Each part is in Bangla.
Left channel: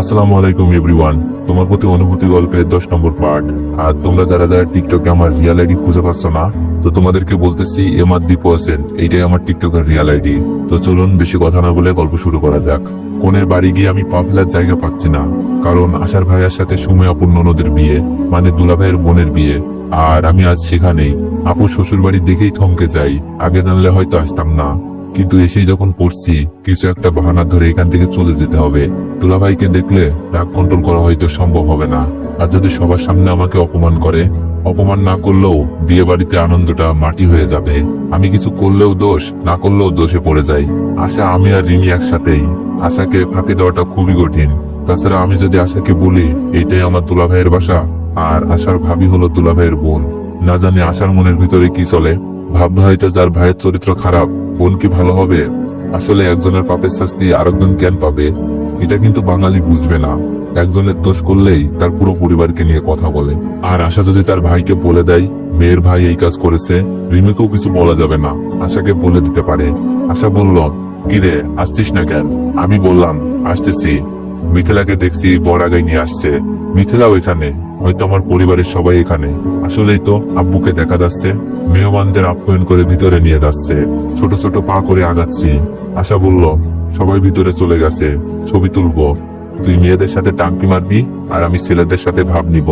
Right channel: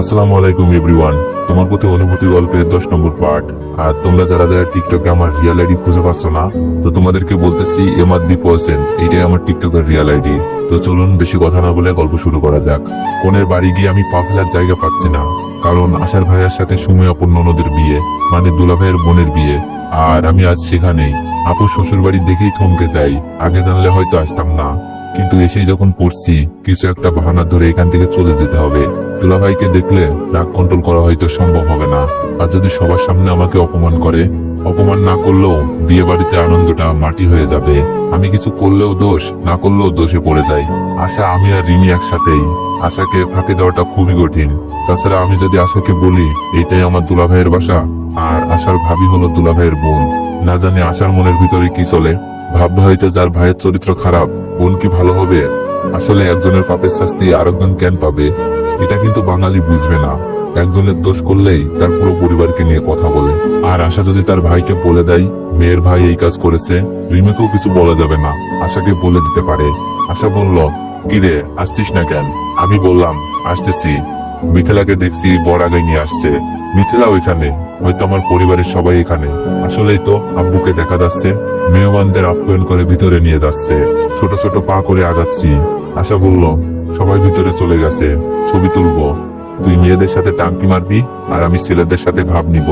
আসসালামু আলাইকুম এভরিওয়ান। তোমার প্রতি অনুভূতি গল্পের 10 নম্বর পার্ট। আর তোমরা যারা যারা টিকটকে আমার রিয়েল আইডি খুঁজে পাচ্ছ না, তো তোমাদেরকে বলতেছি এমার দীপু হোসেন, এইটাই আমার টিকটকের রিয়েল আইডি। তো চলুন বেশি কথা না বলে গল্প শুরু করা যাক। কোনের বাড়ি গিয়ে আমি পা ফেলার জায়গা পাচ্ছি না, কারণ আশার ভাইয়ের সাথে সুমে আপুর ননদের বিয়ে, মানে দুলা ভাইয়ের বোনের বিয়ে। আর আমি আজ সেখানেই। আপুর শ্বশুর বাড়ি দেখেই থমকে যাই, আগে জানলে হয়তো আসতাম না। কিন্তু এসেই যখন পড়ছি কিছু একটা বাহানা ধরে এখান থেকে চলে যেতে হবে। দুলাভাইকে দেখলে রাগ কন্ট্রোল করা হয়তো সম্ভব হবে না। আর যদি সবার সামনে আমাকে অপমান করে, অপমান না করলেও বিয়ে বাড়িতে আনন্দটা মাটি হয়ে যাবে। আমি কিছু করলেও দোষ, না করলেও দোষে পড়ে যাই। আশা, আমি আর রিমি একসাথেই। আশাকে ফাঁকি দেওয়াটা খুবই কঠিন। তাছাড়া আমি যদি আশাকে বলি এইটাই আমার দুলাভাইয়ের বাসা, আর আশার ভাবি হলো দুলাভাইয়ের বোন, না জানি আশার মনের ভিতরে কি চলে। ভাববে হয়তো যার ভাইয়ের চরিত্র খারাপ, বোন কি ভালো হবে? আসলে একজনের পাপের শাস্তি আরেকজন কেন পাবে? এটা কিন্তু বাঙালি বুঝবে না। একজনের দোষ করলেই তার পুরো পরিবারকে নিয়ে কথা বলে। আর আশা যদি তার ভাইকে বলে দেয় মেয়ের ভাই এই কাজ করেছে, রিমিকেও কিছু বলা যাবে না, আশাকে বলে দিতে পারে। আশা বলল, কিরে আসছিস না কেন? আমি বললাম, আসতেছি। মিথিলাকে দেখছি বড়াগাই নিয়ে আসছে। মিথিলাও এখানে, হয়তো আমার পরিবারের সবাই এখানে। আসলেই তো আব্বুকে দেখা যাচ্ছে মেহমানদের আপ্যায়ন করে ভিতরে নিয়ে যাচ্ছে। ছোট ছোট পা করে আগাচ্ছি। আশা বলল, সবাই ভিতরে চলে গেছে, ছবি তুলবো। তুই মেয়েদের সাথে টাঙ্কি মারবি, আর আমি ছেলেদের সাথে ভাব নিব।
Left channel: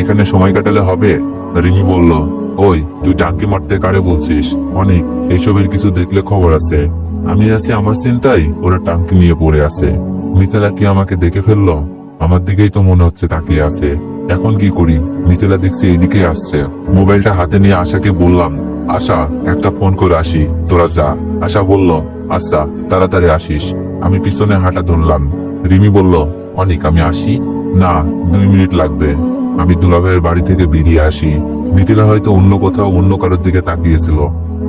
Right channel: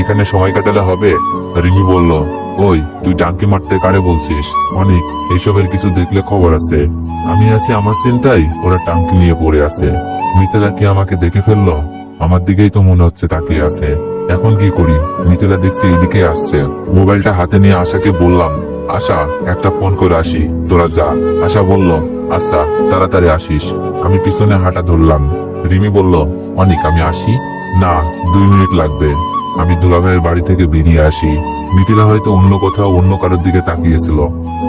এখানে সময় কাটালে হবে? রিমি বলল, ওই তুই টাঙ্কি মারতে কারে বলছিস? অনেক এসবের কিছু দেখলে খবর আছে। আমি আছি আমার চিন্তায়, ওরা টাঙ্কি নিয়ে পড়ে আছে। মিথিলা কি আমাকে দেখে ফেললো? আমার দিকেই তো মনে হচ্ছে তাকিয়ে আছে। এখন কি করি? মিথিলা দেখছি এদিকে আসছে। মোবাইলটা হাতে নিয়ে আশাকে বললাম, আশা একটা ফোন করে আসি, তোরা যা। আশা বলল, আচ্ছা তাড়াতাড়ি আসিস। আমি পিছনে হাঁটা ধরলাম। রিমি বলল, অনেক আমি আসি। না, 2 মিনিট লাগবে। আমি দুলাভাইয়ের বাড়ি থেকে বেরিয়ে আসি। মিথিলা হয়তো অন্য কোথাও অন্য কারোর দিকে তাকিয়েছিল।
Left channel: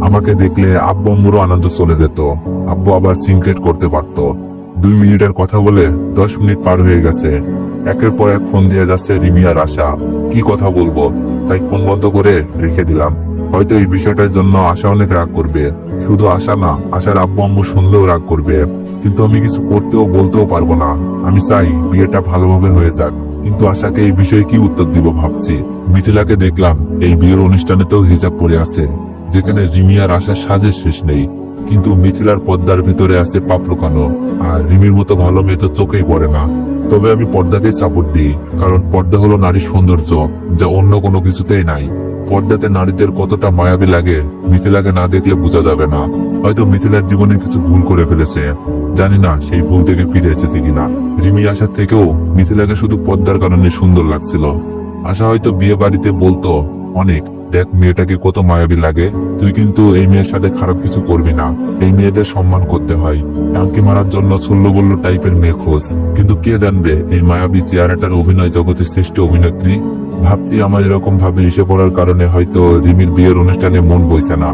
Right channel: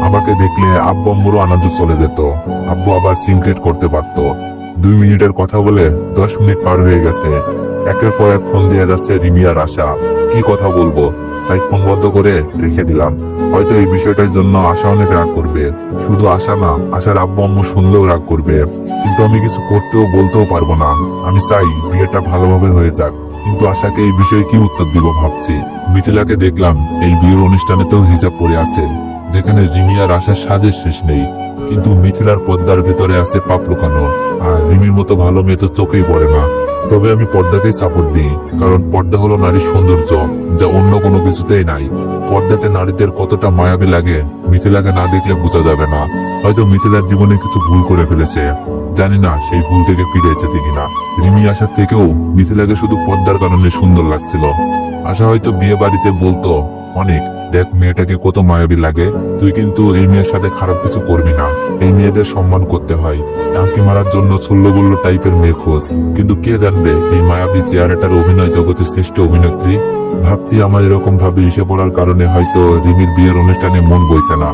আমাকে দেখলে আব্বু আম্মুরও আনন্দ চলে যেত। আব্বু আবার সিনক্রেট করতে পারতো। 2 মিনিটের কথা বলে 10 মিনিট পার হয়ে গেছে। একের পর এক ফোন দিয়ে যাচ্ছে রিমি আর আশা। কি কথা বলবো, তাই ফোন বন্ধ করে রেখে দিলাম। হয়তো এই বিষয়টার জন্য আশা অনেক রাগ করবে। শুধু আশা না, আশার আব্বু আম্মু শুনলেও রাগ করবে। কিন্তু আমি কিছু করতেও বলতেও পারবো না। আমি চাই বিয়েটা ভালোভাবে হয়ে যাক, কিন্তু আশাকে এই বিষয়ে কি উত্তর দিব ভাবছি। মিথিলাকে দেখলাম এই বিয়ের অনুষ্ঠানেতেও হিজাব পরে আছে, যেখানে রিমি আর আশার সাজের শেষ নেই। কিন্তু মিথিলার পর্দার ভেতরে আছে পাপ লুকানো। আর রিমির মতো ভালো মেয়ে তো চোখেই পড়ে না। তবে আমি পর্দাকেই সাপোর্ট দিই, কারণ পর্দা হলো নারীর সৌন্দর্য, যা অন্য কোনো কিছুতেই নাই। পর্দাতে নারীদের কতটা মায়াবী লাগে মিথিলাকে না দেখলে বোঝা যাবে না। হয়তো মিথিলার জীবনে কিছু ভুল করে ফেলেছে, জানি না সেই ভুল থেকে ফিরে এসেছে কিনা। রিমি আশার থেকেও মিথিলাকে শুধু পর্দার কারণে সুন্দর লাগছিল। আশা হয়তো বিয়ে বাড়িতে বলতো, অনেক দেখ মেয়েটাকে কত মায়াবী লাগে, তুই কিন্তু এই মেয়ের সাথে খারাপ কিছু করবি না। এই মেয়েদের সম্মান করতে হয়। টাঙ্কি মারার জন্য ছল্লো বললো টাইপের মেয়ে খোঁজ। কিন্তু কে জানবে এই মায়াবী চেহারাটার অভিনয় জগতের শ্রেষ্ঠ অভিনেত্রী। ভাবছি আমার এরকম ভাবে এসে পড়ার কারণে হয়তো রিমির বিয়ের অনুষ্ঠানে মন বইছে না।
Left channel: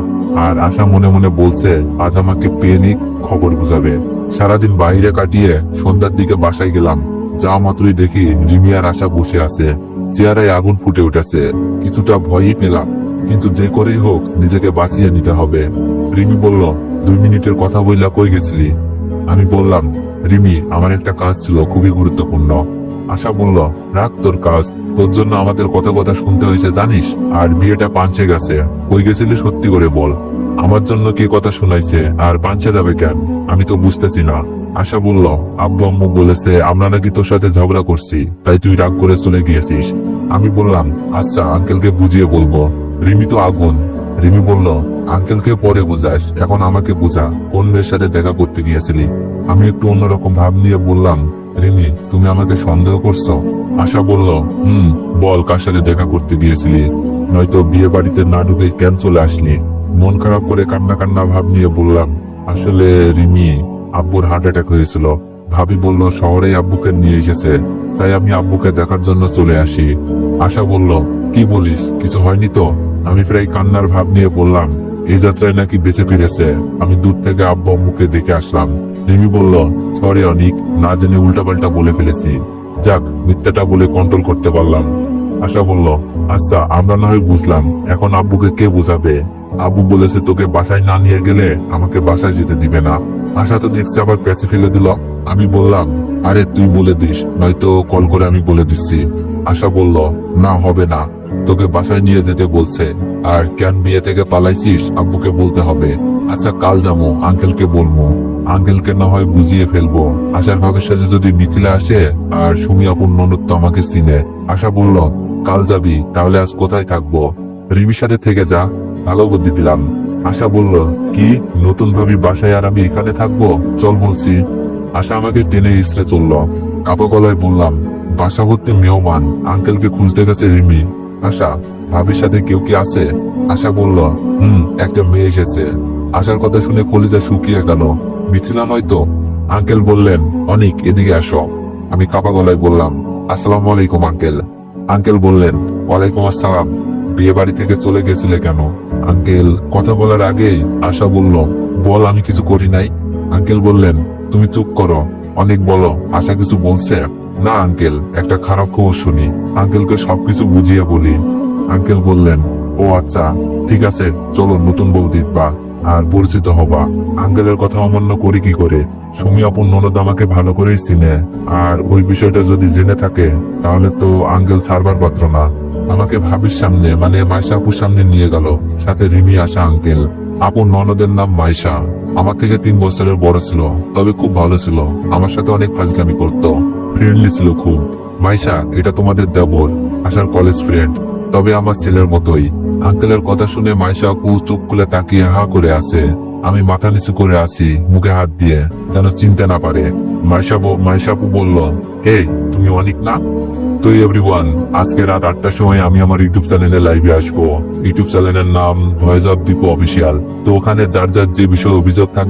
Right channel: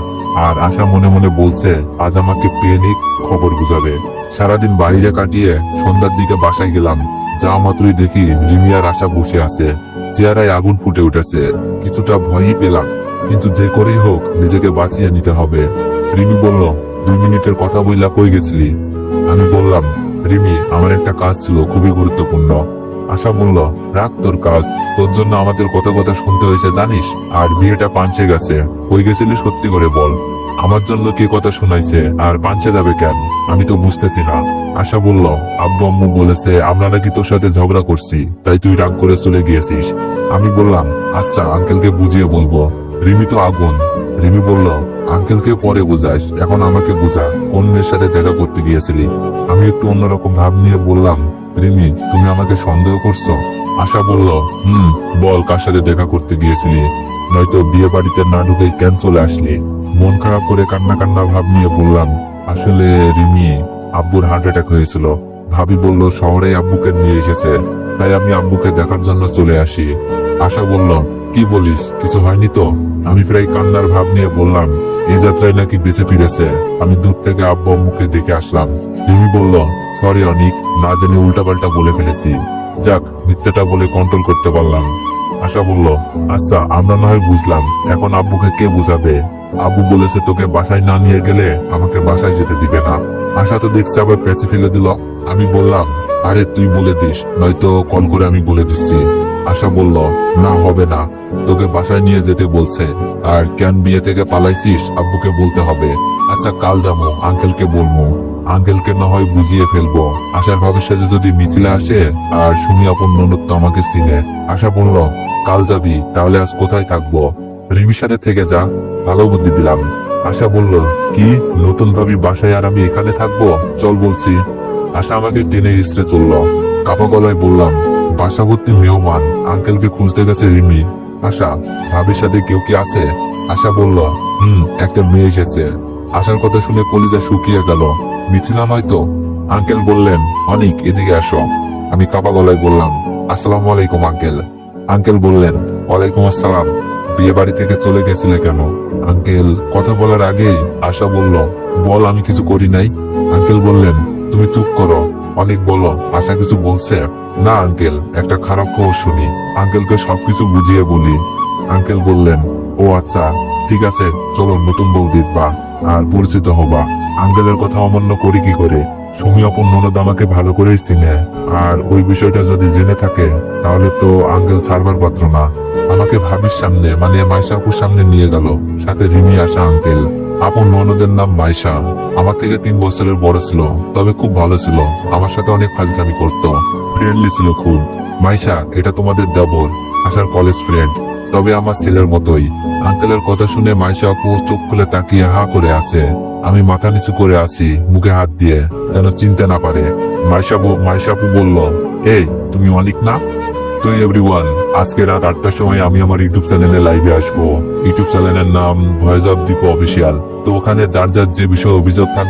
আর আশা মনে মনে বলছে আজ আমাকে পেয়ে নিক, খবর বুঝাবে। সারাদিন বাইরে কাটিয়ে সন্ধ্যার দিকে বাসায় গেলাম। যা মাত্রই দেখি রিমি আর আশা বসে আছে, চেহারায় আগুন ফুটে উঠেছে। কিছুটা ভয়ই পেলাম, কিন্তু যে করেই হোক নিজেকে বাঁচিয়ে নিতে হবে। রিমি বলল, 2 মিনিটের কথা বললা কই গেছিলি? আমি বললাম, রিমি আমার একটা কাজ ছিল খুবই গুরুত্বপূর্ণ। আশা বলল, রাখ তোর কাজ, তোর জন্য আমাদের কথা কথা শুনতে হয়েছে জানিস। আর বিয়েটা পাঞ্চে গেছে, হয়ে গেছিলি সত্যি করে বল। আমার জন্য কি কথা শুনাইছে, আর পাঞ্চে যাবে কেন? আমি তো বুঝতেছি না। আশা বলল, আব্বু আম্মু বলেছে আমরা নাকি তোর সাথে ঝগড়া করছি, তাই তুই রাগ করে চলে গিয়েছিস। আমি বললাম, আচ্ছা আঙ্কেলকে বুঝিয়ে বলবো। রিমি তো আগুন। রিমি বলল, আঙ্কেলকে পরে বোঝাস, এখন আমাকে বোঝা, কোন মেয়ের সাথে দেখা করতে গিয়েছিলি? আমি একটু অন্যরকম ভাব নিয়ে বললাম, রিমি তুমি আমাকে সন্দেহ করছো? আশা বলল, বল কার সাথে দেখা করতে গিয়েছিলি, নয়তো বিয়ে বাড়িতে না ঢুকে কেন চলে আসলি? মন খারাপ করে কান্না কান্না ভাব নিয়ে বললাম, আসলে রিমি আব্বুর হার্ট অ্যাটাক হয়েছিল। ভাবি বলল শহরে আব্বুকে নিয়ে এসেছে, তাই আমি আব্বুকে দেখার জন্য চলে আসি। আশা বলল, কি বলিস, কিছু হয়নি তো? আমি প্রায় কান্নার ভাব নিয়ে বললাম, এই যাত্রায় নাকি বেঁচে ফিরেছে। আমি দূর থেকে আব্বু আম্মুকে দেখে আসলাম। রিমি বলল, সরি অনিক, না জেনে উল্টাপাল্টা বলে ফেলেছি। যাক, মিথ্যাটা বলে কন্ট্রোল করতে পারলাম। আশা বলল, আচ্ছা আমরা না হয় বুঝলাম, এখন আব্বুকে কে বুঝাবে? আব্বু বলেছে তোকে বাসায় না নিয়ে গেলে আমাকে বাসায় যেতে দিবে না। আশা তো দেখছি আবার প্যাসে ফেলে দিল। আমি বললাম, আরে তুই বলে দিস, নয়তো কল করে আমি বলে দিচ্ছি। আশা বলল, না হবে না, তোকে বাসায় নিয়ে যেতে বলছে। আর কেন বিয়ে থেকে পালাইছিস আব্বুকে বলতে হবে। আচ্ছা কাল যাবো, আঙ্কেলকে বলবো, আঙ্কেলকে না হয় বুঝিয়ে ফেলবো। আশার ভাবের সাথে যদি মিথিলা আসে আর সুমি আপন ননদ তো আমাকে চিনে। আশা বলল, কাল যাবি, তাহলে আজ কোথায় থাকবো? রিমির সাথে থেকে যা, ভালো বুদ্ধি দিলাম। আশা বলল, কি নতুন ভাবি বাসায় আর আমি এখানে থাকবো? চল বলছি। আশা আমাকে টেনে ইসরে চললো। কাপা গলায় বললাম, বাসা ভর্তি মেহমান, আঙ্কেলকে খুঁজতে গেছে রিমি। আশা, ভাবির সাথে কেউ কি আছে? আশা বলল, একটা মেয়ে এসেছে। আশার কথা শুনে কলিজা শুকিয়ে গেল। মিথিলা নয়তো? আঙ্কেল বললেন, অনিক এদিকে আসো। আমি কাপা গলায় বললাম, আসসালামু আলাইকুম আঙ্কেল। আঙ্কেল বললেন, ওয়ালাইকুম আসসালাম। বিয়ে বাড়ি থেকে চলে গেছিলে কেন? আঙ্কেল কথা বলার আগে আশা বলল, বল আমি কিছু করি নাই। আঙ্কেল বললেন, তুমি চুপ করো, অনেক বলো। আশা কিছু বলছে? না আঙ্কেল, একটা খারাপ খবর শুনি, আঙ্কেলকে সবকিছু বুঝিয়ে বলি। আঙ্কেল বললেন, ও আচ্ছা ঠিক আছে, চলো নতুন বউ দেখবা আর পরিচিত হবা। আঙ্কেলের কথা অমান্য করি কি করে? সুমি আপন ননদ আমাকে ভালো করেই চিনে, আর ওই বিষয়টা যদি জেনে থাকে তাহলে তো আঙ্কেল ছাড়বার পাত্র না। আমাকে ভাবির সামনে মানে মাইশা আপুর সামনে নিয়ে গেল, সাথে রিমি আসা আঙ্কেল। আপন ননদের নাম মাইশা, আমার থেকে 3 বছরের বড় ছিল, তবে খুব ভালো ছিল। আমার সাথে অনেক ফাজলামি করতো, ফ্রেন্ডলি ছিল খুব। মাইশা, এটা তোমাদের দেবর, আশার কলেজ ফ্রেন্ড, তবে আমার ছেলের মতোই। আঙ্কেলের কথা শুনে মাইশা আপু চোখ খুলে তাকিয়ে হা করে আছে। আমি মাথা নিচু করে আছি, মুখে হাত দিয়ে, যেন চিনতে না পারে। মাইশা আপু বলল, এই তুমি অনিক না? তো এভরিওয়ান, আজকে রাত 8টার সময় আমি আমার ইউটিউব চ্যানেলে লাইভে আসবো। ইউটিউব চ্যানেলের নাম ভয়েস অফ দীপু অফিসিয়াল। তো ওখানে যার যার যে বিষয়ে অভিযোগ থাকবে